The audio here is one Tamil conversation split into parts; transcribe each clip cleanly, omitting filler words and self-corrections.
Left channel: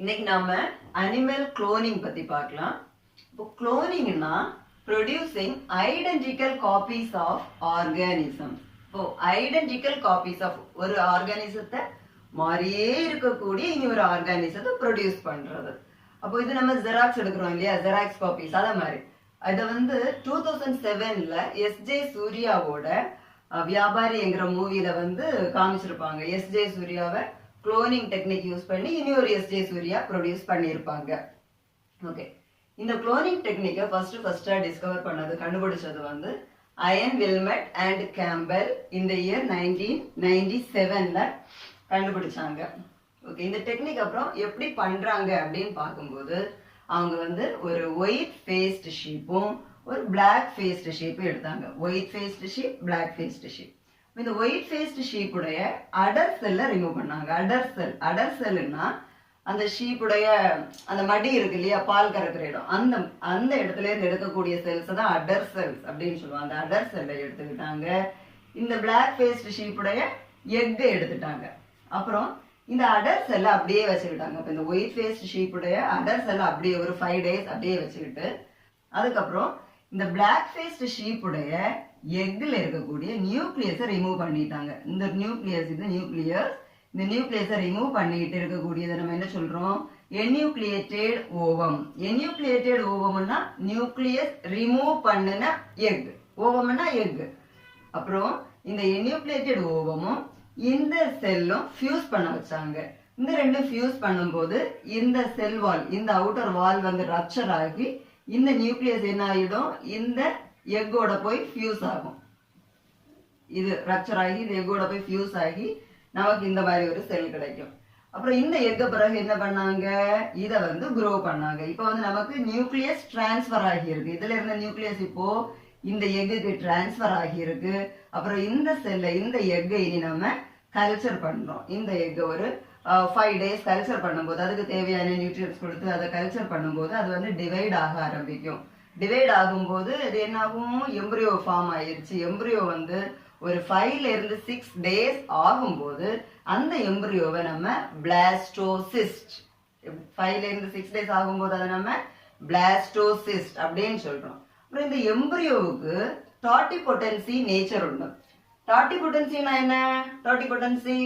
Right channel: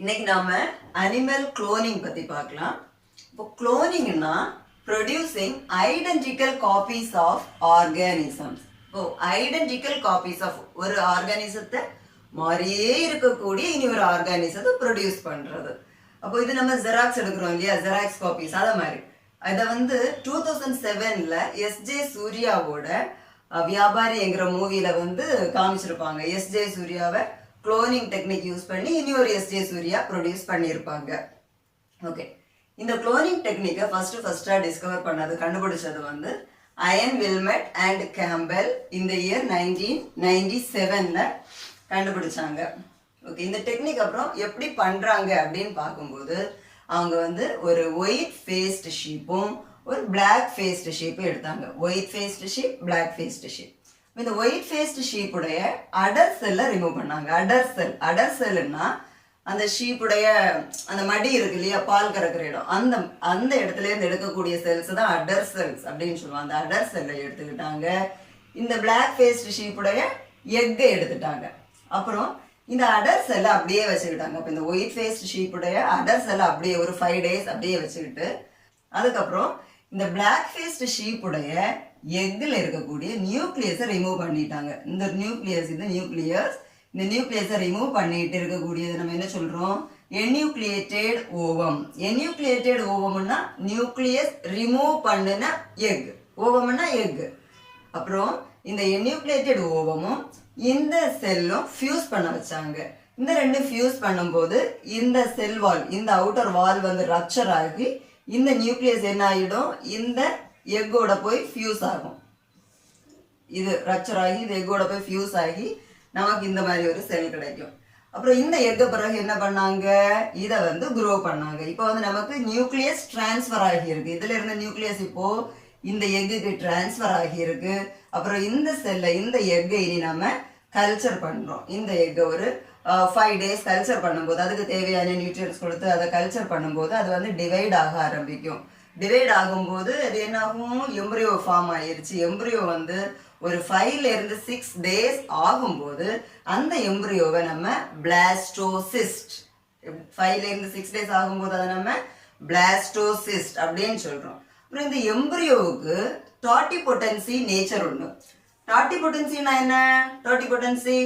இன்னைக்கு நாம அனிமல் குளோனிங் பத்தி பார்க்கலாம். இப்போ குளோனிங்னா producing identical copies of organisms. இப்போ ஐடென்டிக்கல் காப்பீஸ் ஆஃப் ஒரு ஆர்கானிசத்தை மாதிரியே இருக்கக்கூடிய இனி ஒரு ஆர்கானிசத்தை ப்ரொடியூஸ் பண்றது. அப்போ இது நம்ம ஜெராக்ஸ் எடுக்கிறோம் இல்லையா, ஜெராக்ஸ் காப்பீஸ். அதை மாதிரி இதை 2007ல் எஸ்ஜே சூர்யாவோட வியாபாரிங்கிற மூவில காமிச்சிருப்பாங்க. எஸ்ஜே சூர்யாவை குளோனிங் டெக்னிக் யூஸ் பண்ணி இனி ஒரு எஸ்ஜே சூர்யா ப்ரொடியூஸ் பண்ணியிருப்பாங்க. ஓகே, இந்த குளோனிங் டெக்னிக்கை ஃபர்ஸ்டா டிஸ்கவர் பண்ணது, கண்டுபிடிச்சது அயன் வில்மெட் அண்ட் கேம்பல் இந்த இயர் 1997ல் கண்டுபிடிச்சாங்க. ஓகே, இந்த டெக்னிக் அப்புறம் எப்படி பண்றாங்க அப்படின்னு பார்க்கும்போது அவங்க ஒரு ஒயிட் ஃபேஸ்டு ஷீப்பும் ஒரு பிளாக் ஃபேஸ்டு ஷீப்பும் எடுத்தாங்க. White faced sheep, black faced sheep. இந்த ஒயிட் ஃபேஸ்டு ஷீப்புடைய அடர் செல்லை ரிமூவ் பண்ணாங்க. அடர் செல்லுன்னா அந்த ஷீப்புடைய அந்த மடி இருக்கு இல்லையா, பால் கறக்கிற இடம், அந்த இடத்துல இருந்து எடுக்கக்கூடிய செல்ஸ் தான் அடர் செல்ஸ் அப்படின்னு சொல்லுவாங்க. அந்த அடர் செல்லை எடுத்துக்கிட்டாங்க. இந்த பிளாக் ஃபேஸ்டு ஷீப்புடைய எக்கை எடுத்துட்டாங்க. அப்புறம் இந்த அடர் செல்லை அப்படியே வச்சுக்கிட்டாங்க. அப்போ இந்த ஒயிட் ஃபேஸ்டு ஷீப்புடைய அடர் செல்லை அப்படியே ஒரு 5 days அப்படியே வச்சுக்கிட்டு, அதுக்கப்புறம் இந்த பிளாக் ஃபேஸ்டு ஷீப்புடைய எக்கில் இருக்கக்கூடிய நியூக்ளியஸை ரிமூவ் பண்ணிட்டாங்க. இந்த நியூக்ளியஸ், இது நியூக்ளியஸ், இந்த நியூக்ளியஸை ரிமூவ் பண்ணிட்டு இருக்கக்கூடியதை நம்ம என்ன சொல்றோம், என்யூக்ளியேட்டட் ஓவம். என்யூக்ளியேட்டட் ஓவம்னா நியூக்ளியஸ் ரிமூவ் பண்ணுன எக், ஓவம்னா எக். அப்புறம் இந்த என்யூக்ளியேட்டட் ஓவமும் இந்த செல்லும் ஃபியூஸ் பண்ண வச்சாங்க. இந்த ரெண்டும் ஃபியூஸ் பண்ணும்போது இந்த செல் வால், இந்த அவுட்டர் வால் ரப்சர் ஆகி இந்த நியூக்ளியஸ் என்ன ஆகிடும், இந்த எக்கோட போய் ஃபியூஸ் ஆகும். இது ரப்சர் ஆகி இந்த எக்கோட போய் ஃபியூஸ் ஆகி நமக்கு இந்த மாதிரி ஒரு செல் கிடைக்கும். அப்புறம் இந்த எக்க பிறகு என்ன பண்ணாங்க, இதை க்ரோ பண்ணாங்க. இப்போ நமக்கு நியூக்ளியஸ் டிரான்ஸ்ஃபர் ஆகி இருக்கு. இதுல இருந்த நியூக்ளியஸ் இப்போ இந்த எக்குக்கு டிரான்ஸ்ஃபர் ஆகி இருக்கு. அப்புறம் இந்த செல்லை, இந்த எக்கை இனி நம்ம கல்ச்சர் பண்றோம். இந்த எக்கை ஒரு 5 days கல்ச்சர் பண்ணும்போது, அதுக்கு தேவையான நியூட்ரியன்ஸ் கொடுத்து அதை கல்ச்சர் பண்ணும்போது அது டிவைட் ஆக ஆரம்பிக்கும். டிவைட் ஆகும்போது அது என்ன ஆகும், எம்ப்ரியோ ஃபார்ம் ஆயிருச்சு. எம்ப்ரியோ ஒரு 5 to 6 days ஆகும்போது அந்த எம்ப்ரியோவை நம்ம பிளாஸ்டோசிஸ்ட், 5 to 6 days ஆகும்போது அதை நம்ம பிளாஸ்டோசிஸ்ட் அப்படின்னு சொல்றோம். அப்புறம் இந்த எம்ப்ரியோவுக்கு டாட்டிபொட்டன்சி நேச்சர் உண்டு. டாட்டிபொட்டன்சினா என்ன, டாட்டிபொட்டன்சி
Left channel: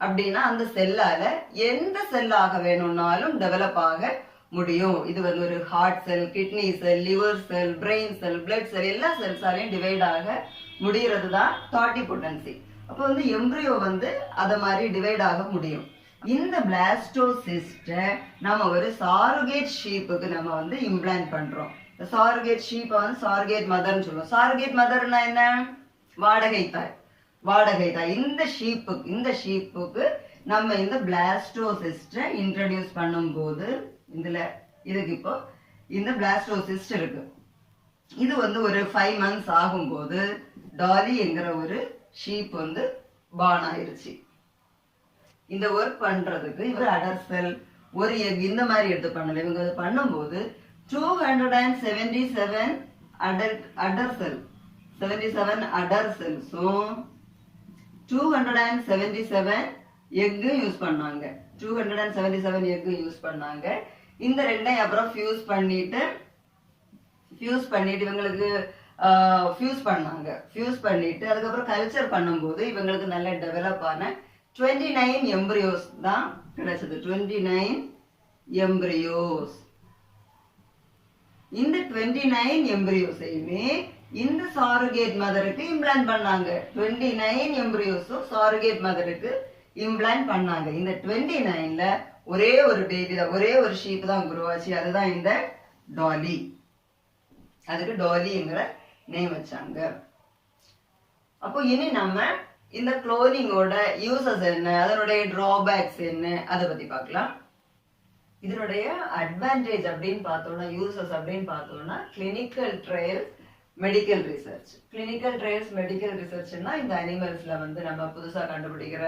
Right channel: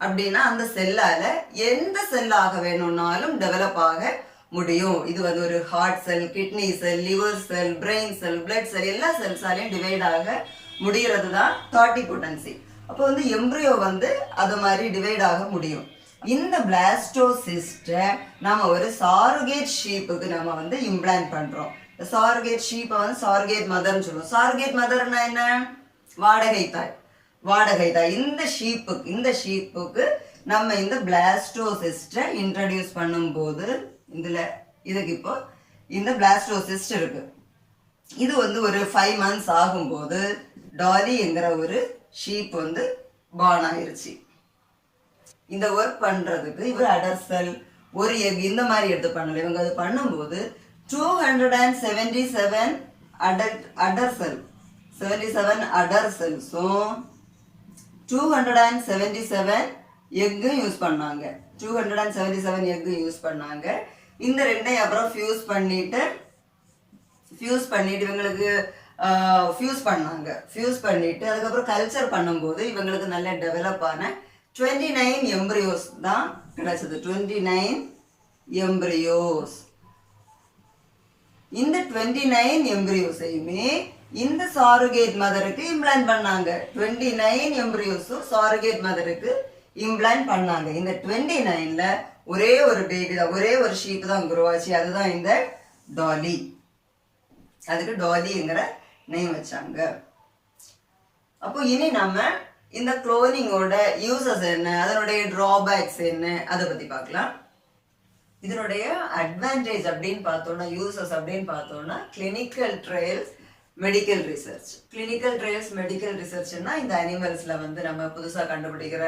அப்படின்னா அந்த செல்லால எந்த செல்லாக வேணும்னாலும் டெவலப் ஆக முடியும். இது ஒரு ஹார்ட் செல், கிட்னி செல், லிவர் செல், பிரெயின் செல், பிளட் செல், எல்லா செல்ஸாலையும் டிவைட் ஆக முடிகிறது தான் டாட்டிபொட்டன்சி. அப்போ எம்ப்ரியோ அது மாதிரி டிவைட் ஆக முடியும். இந்த பிளாஸ்டோசிஸ்டை நாம ஒரு சாருகேட் ஷீப்புக்கு நம்ம இம்ப்ளான்ட் பண்றோம். சாருகேட் ஷீப்பை சாருகேட் மதர்ன்னு சொல்லுவோம். சாருகேட் மதர்னா என்ன, வாடகை தாய். வாடகை தாய். இந்த ஷீப்புக்கு நம்ம இந்த பிளாஸ்டோசிஸ்டை இன்ட்ரடியூஸ் பண்ணும்போது இதுக்கு இப்போ இந்த பிளாஸ்டோசிஸ்ட் இருக்கு. இது ஒரு 5 months ஆகும்போது டாலிங்கிற ஒரு ஷீப் பார்ன் ஆயிருச்சு. இந்த ஒர்க் பண்றதுக்கு இவர் அடர் செல், ஒரு எக் இந்த மாதிரி எடுத்து பண்ணல. இவங்க அது பண்ணும்போது 277 அடர் செல், 77 அடர் செல்ஸும் 277 எக்கும் யூஸ் பண்ணாங்க. 277 எக்கும் யூஸ் பண்ணாங்க. இந்த ரெண்டையும் அப்புறம் ஃபியூஸ் பண்ணிட்டு இவங்களுக்கு ஃபியூஸ் பண்ணாங்க. ஃபியூஸ் பண்ணிட்டு அதுக்கப்புறம் கல்ச்சர் பண்ணும்போது இவங்களுக்கு நல்ல டெவலப் ஆன 29 எம்ப்ரியோஸ் தான் கிடைச்சது. 29 எம்ப்ரியோஸ். இந்த 29 எம்ப்ரியோஸையுமே இந்த சாருகேட் மதருக்கு இம்ப்ளான்ட் பண்ணாங்க. 29 எம்ப்ரியோஸும் சாருகேட் மதருக்கு இம்ப்ளான்ட் பண்ணாங்க. இந்த 29ல ஒரே ஒரு பேபி தான், ஒரே ஒரு ஷீப் தான் குரோ ஆச்சு. அதுதான் இந்த டாலி. அதுக்கு டாலிங்கிற நேம் வச்சாங்க. அப்போ இனி நம்ம இந்த குளோனிங்கோட யூசஸ் என்ன, அதனுடைய டிராபேக்ஸ் என்ன, அதை பத்தி பார்க்கலாம். இதனுடைய அட்வான்டேஜ் அப்படின்னு பார்த்தோம்னா, யூசஸ் அப்படின்னு பார்த்தோம்னா, clinical trials, medical research. Clinical trials, medical ரிசர்ச்னா இந்த அனிமல்ஸ்ல நம்ம புதுசாக கண்டுபிடிக்கிற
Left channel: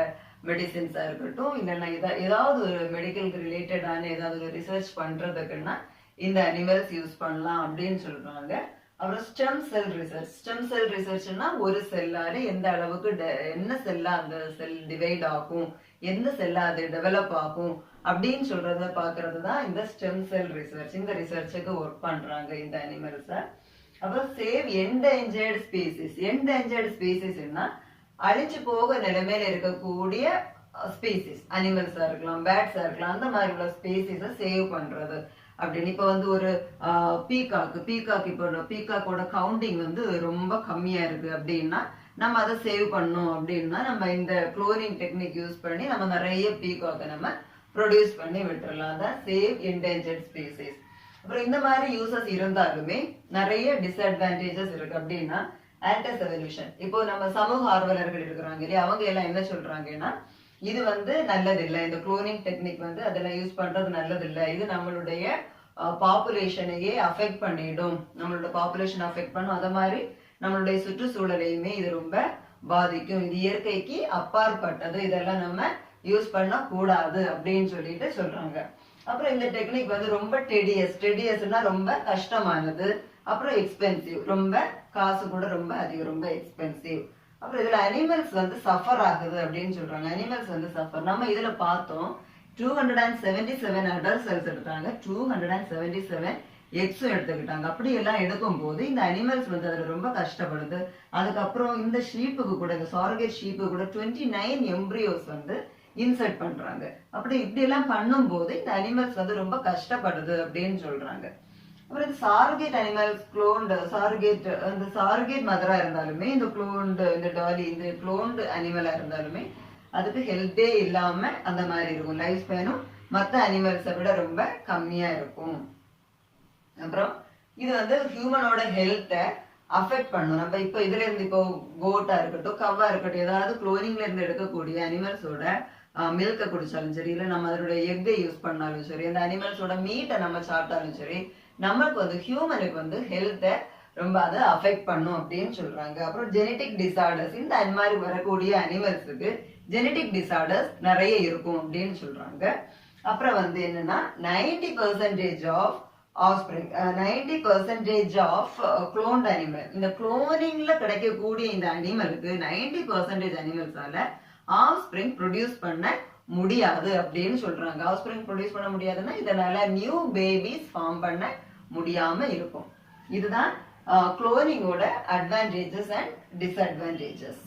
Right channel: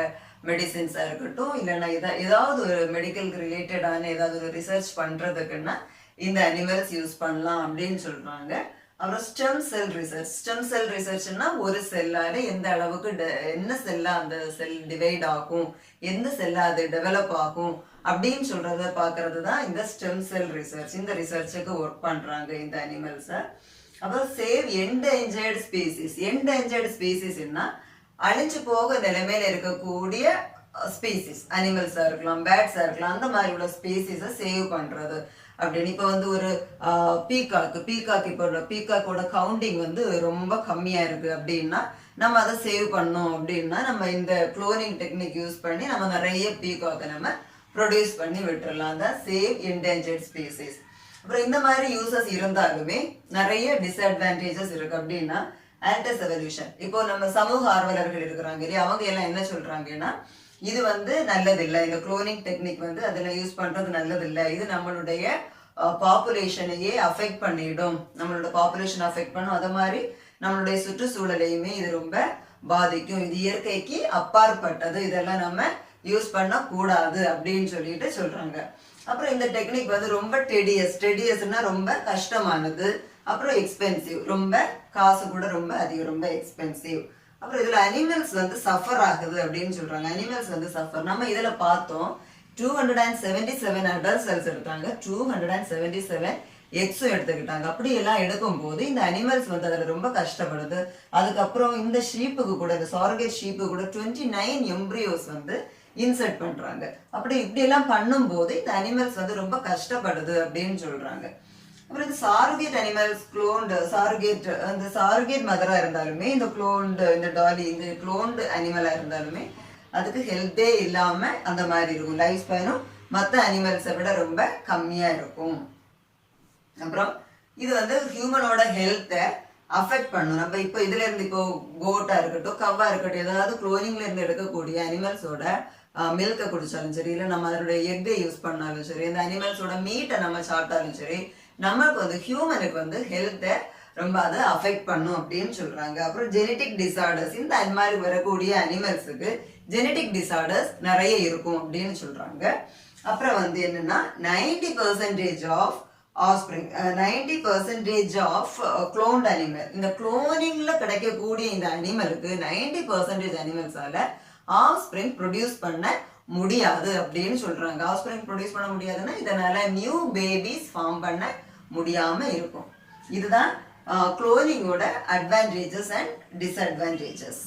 மெடிசின்ஸா இருக்கட்டும், இல்லைன்னா ஏதாவது ஒரு மெடிக்கலுக்கு ரிலேட்டடான ஏதாவது ஒரு ரிசர்ச் பண்றதுக்குன்னா இந்த அனிமல்ஸ் யூஸ் பண்ணலாம் அப்படின்னு சொல்றாங்க. அப்புறம் stem cell research. Stem cell ரிசர்ச்னா ஒரு செல்லால எந்த அளவுக்கு என்ன செல்லா அந்த செல் டிவைட் ஆகும், எந்த செல்லா அது டெவலப் ஆகும் அப்படின்னு சொல்றத பார்க்கறது தான் இந்த ஸ்டெம் செல் ரிசர்ச். இந்த ரிசர்ச்சுக்கு ஒர்க் பண்றாங்க இந்த அனிமல்ஸை. அப்புறம் சேவ் என்டேஞ்சர்ட் ஸ்பீசிஸ். என்டேஞ்சர்ட் ஸ்பீசிஸ்னா அழிஞ்சு போக நிலைமையில இருக்கக்கூடிய ஸ்பீசிஸ், அனிமல்ஸா இருக்கலாம், பேர்ட்ஸா இருக்கலாம், அந்த மாதிரி உள்ள ஸ்பீசிஸை சேவ் பண்றது அப்படின்னு. இப்போ வந்து ஒரு பீகாக் இப்போ பீகாக்கோட கவுண்டிங் வந்து ரொம்ப கம்மியா இருக்கு அப்படின்னா நம்ம அதை சேவ் பண்ணோம் அப்படின்னா நம்ம இந்த குளோனிங் டெக்னிக் யூஸ் பண்ணி நம்ம நிறைய பீகாக்கை நம்ம ப்ரொடியூஸ் பண்ணி விட்டுறலாம். தான் சேவ் என்டேஞ்சர்ட் ஸ்பீசிஸ். அப்புறம் இந்த மாதிரி யூசஸ் இருந்தாலுமே நிறைய டிஸ்அட்வான்டேஜஸ் இருக்கு. அப்படின்னா ஆல்டஸ் எவல்யூஷன். இப்போ நம்ம சமூக ஆர்வலர்கள் இருக்கிறாங்க இல்லையா, அவங்க எல்லாம் என்ன சொல்றாங்கன்னா இது வந்து நல்லதில்லை, இந்த குளோனிங் டெக்னிக் வந்து அதில் யூஸ் பண்றது நல்லதில்லை, இது நம்மளுடைய பாப்புலேஷனையே அஃபெக்ட் பண்ணிடும், நம்மளோட பாப்புலேஷன் அஃபெக்ட் பண்ணும், அதை மாதிரி நம்மளுடைய சுற்றுச்சூழலையுமே இது ரொம்ப பாதிக்கும், இது இயற்கைக்கு அப்பாற்பட்டது, இதெல்லாம் நம்ம யூஸ் பண்ண கூடாது அப்படின்னு சொல்லிட்டு சொல்றாங்க. அப்புறம் இந்த டெக்னிக் வந்து ரொம்ப டெடியஸ்னா ரொம்ப கஷ்டமானது, அப்புறம் எக்ஸ்பென்சிவ், ரொம்ப காசு கூட ரொம்ப அதிகம், ரொம்ப எக்ஸ்பென்சிவ். அப்புறம் இதுல அனிமல்ஸ் வந்து சஃபர் ஆகுது அப்படின்னு சொல்றாங்க. அனிமல்ஸ் வந்து சஃபர். நம்ம இதுல பார்த்தோம் 277 அடல்ட் செல்ஸ் எடுத்தாங்க, 277 எக்ஸும் எடுத்துக்கிட்டாங்க. அப்படி எல்லாம் எடுக்கும் போது இந்த அனிமல்ஸ் வந்து அதுல ரொம்ப கஷ்டப்படுது. அதுக்கப்புறம் இந்த ஷீப்புக்கு கூட, இந்த சாரகேட் ஷீப்புக்கு கூட 29 எம்ப்ரியோஸ் வந்து இன்சர்ட் பண்றாங்க. அப்படி இப்படி எல்லாம் பண்ணும்போது இந்த அனிமல்ஸ் வந்து ரொம்ப கஷ்டப்படுது அப்படின்னு சொல்றாங்க. அப்புறம் இந்த சாரகேட் அனிமல்ஸ் குளோன்டு அந்த சாரகேட் மதரா இருந்தாலுமே இந்த குளோன்டு, இந்த டாலி, இந்த குளோன்டு அனிமலா இருந்தாலுமே அதுக்கு ஹெல்த்தே இல்லாம அந்த மாதிரி இருக்கும். லைஃப் ஸ்பேனும் மற்ற அனிமல்ஸை விட ரொம்ப கம்மியா இருக்கும். அப்புறம் இது வந்து ஹியூமனோட ஹெல்த்தை அஃபெக்ட் பண்ணும். நம்ம இப்போ இதுல இருந்து இப்போ கோட்டா இருக்கட்டும், கவ்வா இருக்கட்டும், ஏதாவது குளோனிங்ல இருந்து எடுக்கக்கூடிய அனிமல்ஸோட மில்கை குடிச்சாலும் சரி, இல்லை நம்ம அதனுடைய எக்கை யூஸ் பண்ணாலும் சரி, அந்த அனிமல்ஸோட மீட்டை நம்ம சாப்பிட்டாலும் சரி, நமக்கு வந்து ஹியூமனுக்கு வந்து ஹெல்த்தை ரொம்ப அதை அஃபெக்ட் பண்ணும் அப்படின்னு சொல்றாங்க. அப்புறம் ஜெனட்டிக் டிசார்டர்ஸ், இந்த அந்த மாதிரி வரக்கூடிய அனிமல்ஸுக்கு ஜெனட்டிக் டிசார்டர்ஸ் நிறைய இருக்கும் அப்படின்னு சொல்றாங்க. அப்புறம் வந்து என்னன்னா 90% ஆஃப் ஆஃப்ஸ்பிரிங், 90% ஆஃப் குளோன்ட் அனிமல், இந்த குளோனிங்ல கிடைக்கக்கூடிய இந்த அனிமலுக்கு 90% அனிமல்ஸால ஆஃப்ஸ்பிரிங் ப்ரொடியூஸ் பண்ண முடியாது அப்படின்னு சொல்றாங்க. ஆஃப்ஸ்பிரிங் ப்ரொடியூஸ் பண்ண முடியாதுன்னா இதனால நியூ பேபிஸ் ஃபார்ம் பண்ண முடியாம இருக்கும். இதுதான் குளோனிங்கோட அட்வான்டேஜஸ் அண்ட் டிஸ்அட்வான்டேஜஸ்.